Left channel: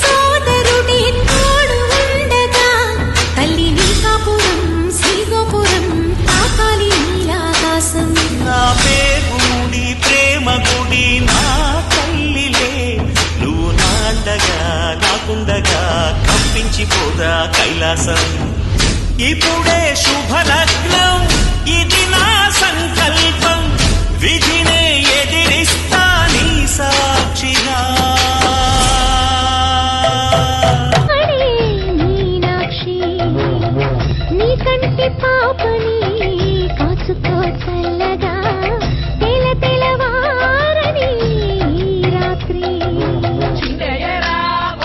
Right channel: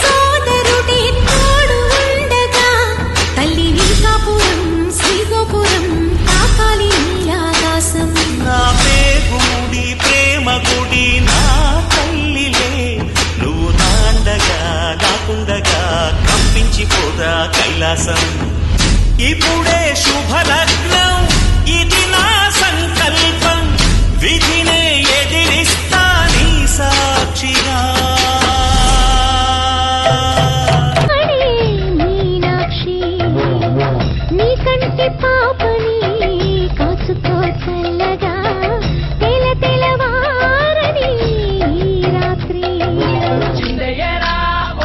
సోదరుడే తోడు ఉండగా తల్లిని కాపురం శ్రీగోపురం తాకాలి నీలాకాశం. నా పేగుముడి ప్రేమ గుడి నా తల్లిలే, నువ్వు నా అండగా నాకుండగా కంపించిపోదా కైలాసం. ఇప్పుడే శుభలగ్నం, ఇది నా సంకల్పం, విధినే ఎదిరిస్తా నీ సాక్షిగా.